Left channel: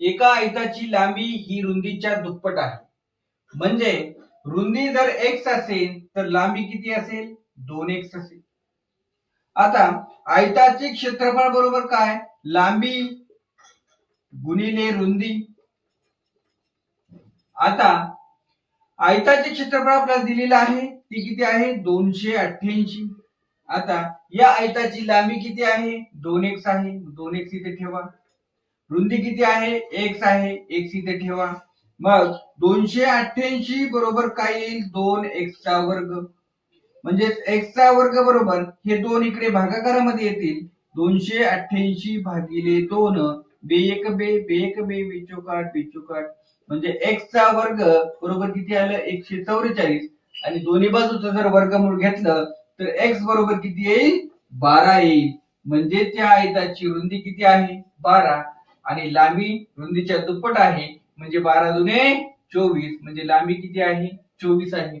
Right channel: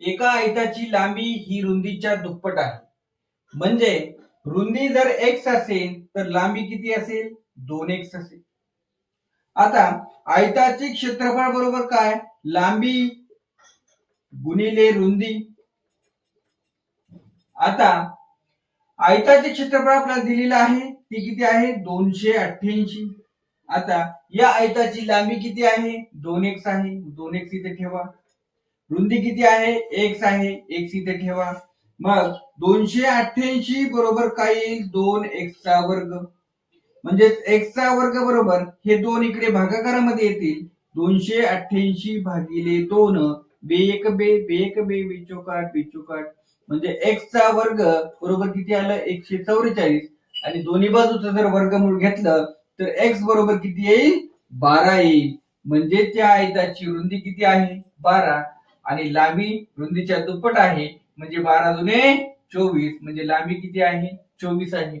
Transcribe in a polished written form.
एका आयताची लांबी ही रुंदीच्या दुप्पट आहे. म्हणजे रुंदी जर x असेल तर लांबी किती असेल? 2x असेल. आता आयताचे क्षेत्रफळ बरोबर काय? लांबी गुणिले रुंदी. आता आयताचे क्षेत्रफळ आपल्याला दिलेलं आहे ते किती आहे? 288. आता या आयताची लांबी किती आहे? 2x आहे. 2x इथे ठेवा. रुंदी किती आहे? x आहे. x इथे ठेवा. मग 288 बरोबर काय येईल? 2x चा वर्ग. म्हणजे x चा वर्ग बरोबर हे दोन इकडे भागाकारामध्ये येतील. 288 भागिले 2 बे 1 बे बे 1 बे बे चौक 8 बे चौक 8 म्हणजे x चा वर्ग बरोबर किती आलं? 144. आणि दोन्ही बाजूचं जर वर्गमूळ घेतलं तर x बरोबर किती येईल? 12 येईल. म्हणजे त्या आयताची रुंदी किती आहे? 12 आणि लांबी रुंदीच्या दुप्पट आहे. म्हणजे 12 दुने 24 म्हणजे लांबी किती आहे? 24 आहे.